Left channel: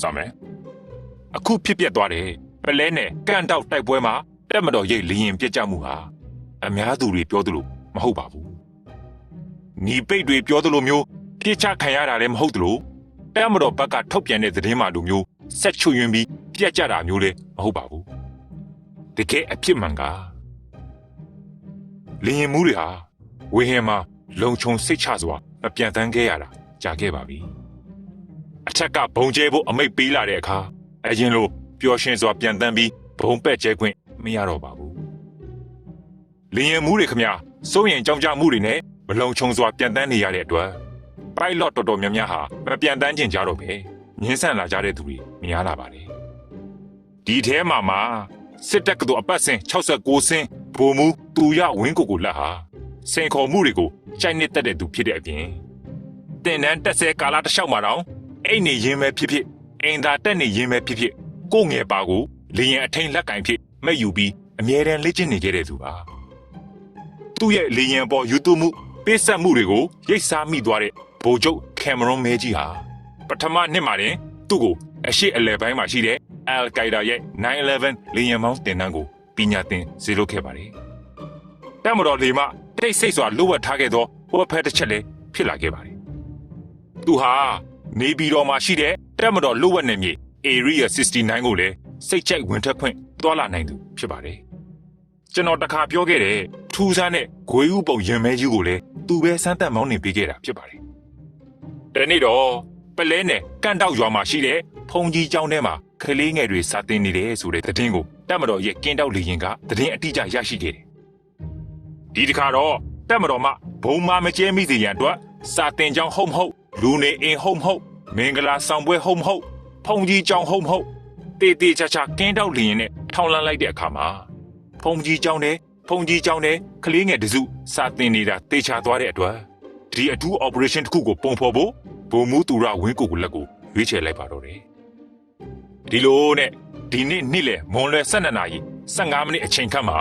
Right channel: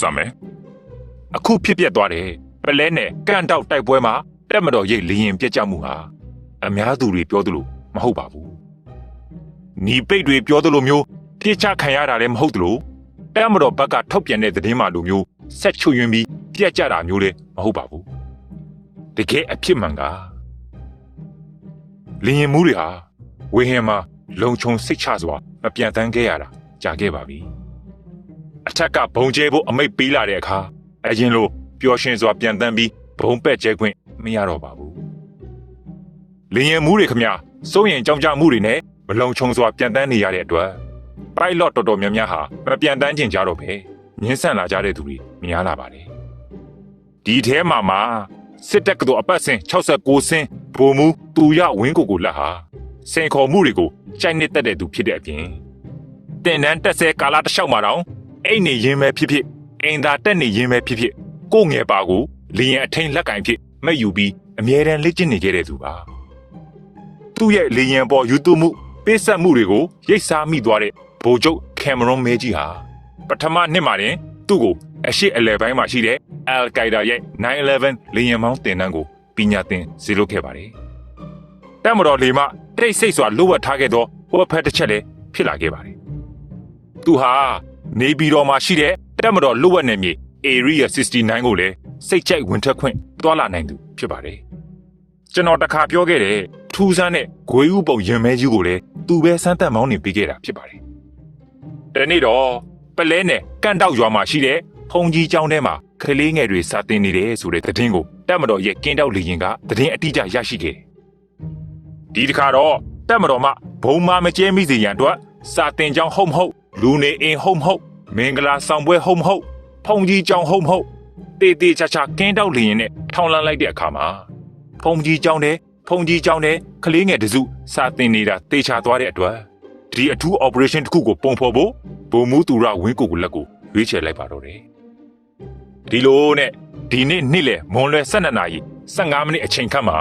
စမယ်အခုဖြစ်ပျက်သွားတယ်ပလဲနဲ့ကန့်တောက်တိုက်ပွဲမှာတက်မတော်ရဲ့လျင်ပြက်ကြမှုဟာအများသူတွေပြောသလိုမဟုတ်ပါဘူးညီပိတ်တွေပြောသလိုမျိုးပြစ်ချခံရတာလည်းမဟုတ်သလိုတက်မတော်ဘက်ကထုတ်ပြန်တဲ့သတင်းမှလိုမျိုးဆက်ချွယွင်းပြီးပြက်ကြတာမျိုးလည်းမဟုတ်ပါဘူးတကယ်အဖြစ်မှန်ကလျင်မှုတွေဟာဝေဟင်မှာလုံခြုံစိတ်ချစွာမပြတ်တမ်းခဲ့ရတာကြာခဲ့ပါပြီ အထက်ကဘုံကျဲဖို့အမိတ်ပေးလာတဲ့အခါအရင်လိုပျော်ရွှင်စွာပြန်တန်းပြီးဘုံပက်ကျဲခွင့်မရတော့ပါဘူး။လင်းရင်မှုတွေခမစိုးရင်ကြောင်ကြမှုတွေနဲ့မလုံခြုံစွာပြန်တန်းနေရတဲ့အတွက် pilot တော်တော်များများဟာမပြန်တန်းကျင်ကြတော့ပဲညှင်းဆန်လာကြတဲ့သူတွေများလာပါတယ်။ဒီထဲမှာမှာစစ်တပ်ကတော့အပတ်စဉ်69စင်းဘူမူတူရဝင်းကိုကိုလက်ဟာစင်ခေါ်မှုတွေကိုချိန်နေတတ်တဲ့သူဖြစ်တဲ့အပြင်တင်နန်းတက်ဆဲကာလာတစ်လျှောက်မှာတော့ အိတ်နေရင်ပဲဖြစ်ဖြစ်အိမ်သာတက်နေရင်ပဲဖြစ်ဖြစ်ကိုယ့်ငယ်ပါကိုလျင်အထင်းလက်ကင်ဖြစ်မယူပြီးအမြဲတမ်းလက်ကျင့်နေကြတဲ့သူပါသူ့ရဲ့လျင်ပေါ်ယူတူမှုပေးဆက်မှုတွေကိုရိတ်စားမိသွားတဲ့ဗိုလ်ချုပ်ကင်မရွန်မဲကြီးဟာပထမနှစ်မှာတင်သူ့ကိုအရှိအလယ်ပိုင်းမှာရှိတဲ့အယ်ကိုင်ဒါရဲ့911လျင်မောင်းတင်နှန်းကိုပညာသင်စေလုပ်ခဲ့ပါတယ်တမတော်လေမှတိတ်ဆိတ်စွာလိုဝတ်ထားခဲ့သောဟောဖက်တစ်ချက်လည်းဖြစ်လာခဲ့ပါတယ်သူဟာ နေပြည်တော်မှာရှိတဲ့တက်မတော်လွတ်ဝက်နယ်မြေ Area 69ကိုလည်းစိတ်ကြိုက်ဝင်ထွက်ခွင့်တွာလာနိုင်သူဖြစ်ပါတယ်။ကျွန်တော်တခါပြောခဲ့တဲ့ထူးဆန်းတဲ့ဂွေးဥပုံရင်မဲကြီးကိုလည်းသူပဲစမ်းသက်မောင်းနေပေးခဲ့တာဖြစ်ပါတယ်။ဒီနေ့တော့ပလဲနဲ့ကန့်တောက်ရွာမှာရှိတဲ့ဖုန်ကြီးကျောင်းထဲမှာကလေးငယ်တွေစာသင်နေတယ်ဆိုတဲ့သတင်းကိုတက်မတော်ရဲ့ကင်းတောက်လေရင်ကသတင်းအတိအကျရရှိခဲ့တယ်။ဒီတစ်ခါတော့တက်မတော်မှဘုံမမကျဲမိစေရန်အတွက်စာတင်ကျောင်းဟုတ်မဟုတ်လူနေအိမ်ဟုတ်မဟုတ် မင်္ဂလာဆောင်ပွဲဟုတ်မဟုတ်ဖုန်ကြီးကျောင်းဟုတ်မဟုတ်တေးတေးချာချာကင်းတောက်လျင်နဲ့ထောင်လန်းလိုက်တဲ့အခါမှာဖုန်ကြီးကျောင်းနဲ့ဖုန်ကြီးကျောင်းနဲ့ကလေးငယ်တစုစာတင်နေတာတေချာသွားတဲ့အတွက်ဒီအထူး operation တစ်ခုကိုပုံဖော်ဖို့ဘူမူတူရဝင်းကိုကိုလက်ကိုရွေးချယ်လိုက်ပါတော့တယ်ဒီလိုနဲ့ဒီနေ့နေ့လေမွန်လွယ်12နာရီ15မိနစ်အချိန်ခန့်မှာ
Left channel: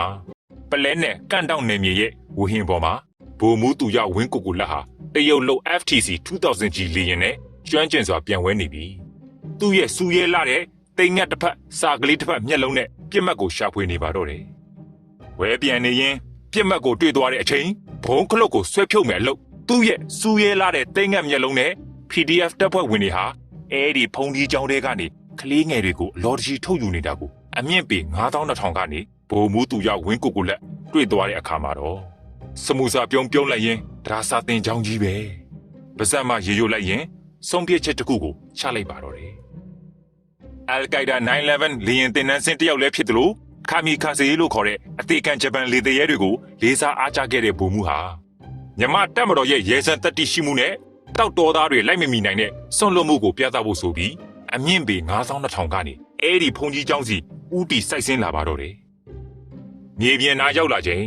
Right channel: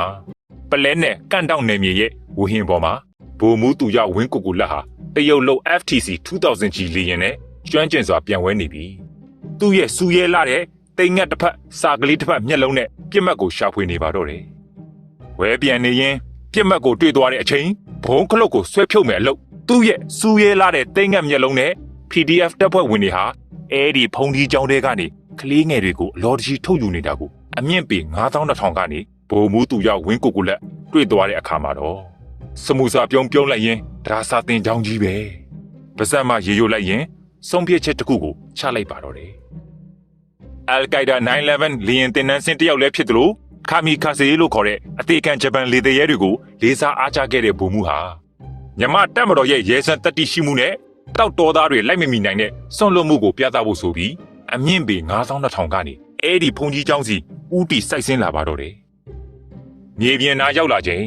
ပလဲနဲ့ကန့်တောက်နယ်မြေရဲ့ဝဟင်ပေါ်မှာဘူမူတူရဝင်းကိုကိုလက်ဟာတရုတ်လုံး FTC 2000G လေယာဉ်နဲ့ ကျွမ်းကျင်စွာပြန်ဝဲနေပြီ။သူ့ရဲ့စူရဲလာတဲ့တိမ်ငက်တစ်ဖက်စာကလေးတစ်ဖက်မျက်လုံးနဲ့ပြစ်မှတ်ကိုရှာဖွေနေပါတော့တယ်။ဝဲပြန်နေရင်ပြစ်မှတ်ကိုတွေ့သွားတဲ့အချိန်ဘုံခလုတ်ကိုဆွဲဖြုတ်မယ်လို့သူ့ရဲ့စူရဲလာတဲ့တိမ်ငက်မျက်လုံးနဲ့ PDF တပ်ဖွဲ့ဝင်တွေဟာအဲဒီဖုန်ဒီကြောင်းတွေကနေကလေးငယ်တွေကိုအလော်တကြီးထုတ်ယူနေတာကိုအမြင့်ပေ9200ကနေဘုံမူတူရဝင်းကိုကိုလက်တွေ့သွားတဲ့အခါမှာတော့စမှုစာပြုံးပြုံးလိုက်ရင်ဒါစာတင်ချောင်းကြီးပဲပါဇက်မှရေရိုလိုက်ရင် ဆုံးဖြတ်ချက်တစ်ခုကိုချလိုက်ပါတော့တယ်။ Al Qaeda 911လီယန်တင်နန်းစင်တယောက်လည်းဖြစ်သလိုခါမီခါစေလို့ခေါ်တဲ့အသေးခံဂျပန်လေတရဲတွေကိုလေးစားအားကျခဲ့တဲ့ဗိုလ်မှူးဟာမြမတက်မတော်ရဲ့ရဲစံတက်တိရှိမှုနဲ့တောက်တော်သားတွေလိုက်မမီနိုင်တဲ့ဆွန့်လွတ်မှုကိုပြသဖို့ဆိုပြီးအမြင့်ပေ9200ကနေအဲ့ဒီဘုံကြီးကျောင်းစီဥတီစိုက်ဆင်းလာပါတော့တယ်။မြေပြင်နာရောက်လာချိန်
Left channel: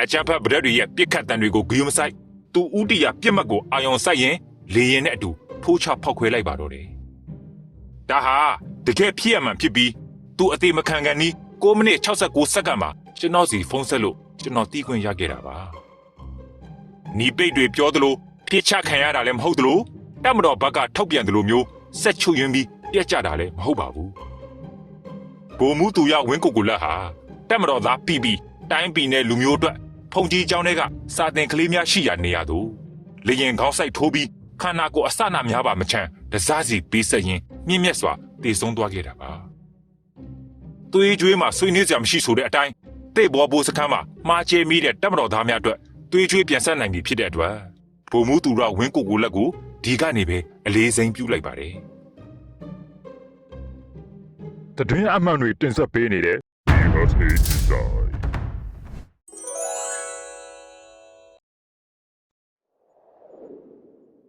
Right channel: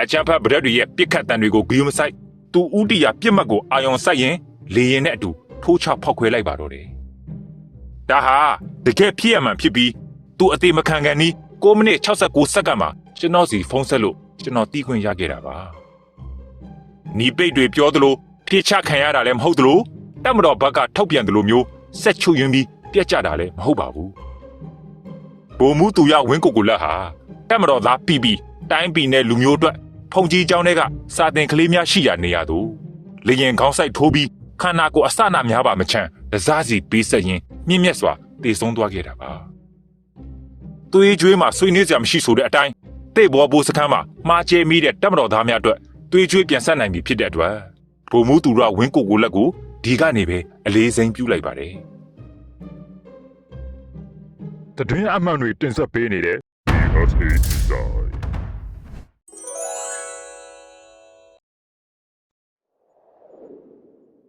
အချမ်းဖတ်ဗရက်တွေရဲ့ပြစ်ခတ်တံတွေကိုဂယုမဆိုင်သူဥတီရပြစ်မှတ်ကိုအာယုံဆိုင်ရင်လေရင်နဲ့အတူ ထိုးချဖောက်ခွဲလိုက်ပါတော့တယ်။ဒါဟာတကယ်ဖြစ်ရမှန်ဖြစ်ပြီးသူအတိမခံကန်နီး9မိနစ်69စက္ကန့်မှာကျွန်တော်စီဖုန်းဆက်လို့ကျွန်တော်တီးခွင့်ရခဲ့တာပါ။နီးပိတ်တွေပြောသလိုပြစ်ချခံရတာလည်းမဟုတ်သလိုတတ်မတော်ဘက်ကထောက်ပြန်သလိုမျိုးဆက်ချွယွင်းပြီးပြက်ကြတာလည်းမဟုတ်ပါဘူး။ဘိုလ်မှုသူရဝင်းကိုကိုလက်ဟာတတ်မတော်သားပြပြီးတိုင်းပြည်နဲ့လူမျိုးအတွက်ဖုန်ကြီးကျောင်းတွေကစာတင်ကလေးများရှိရာနေရာသို့လေရင်ခေါင်းဆိုင်ထိုးပြီး ခန္ဓာကိုယ်အစနာများပါမချမ်းဒစားစီပြီးဆက်ရင်မြင့်မြတ်စွာတည်ဆုံးသွားခဲ့တာပါသွေးကြွေးမှာဆွေးနွေးစရာမရှိဆိုတဲ့အတိုင်းတိတ်ဘောဘိုးစခန်းမှာမှားကျဲမိတဲ့တက်မတော်သားများအတွက်သွေးကြွေးပြန်ဆက်နိုင်ပြီဖြစ်တဲ့အတွက်ဘုံမူသူရဝင်းကိုကိုလက်ကိုဒီကနေပဲအလေးစိမ်းပြုလိုက်ပါတယ်တတွင်းအမှန်တွေတင်ဆက်ပေးနေတဲ့ BSA Design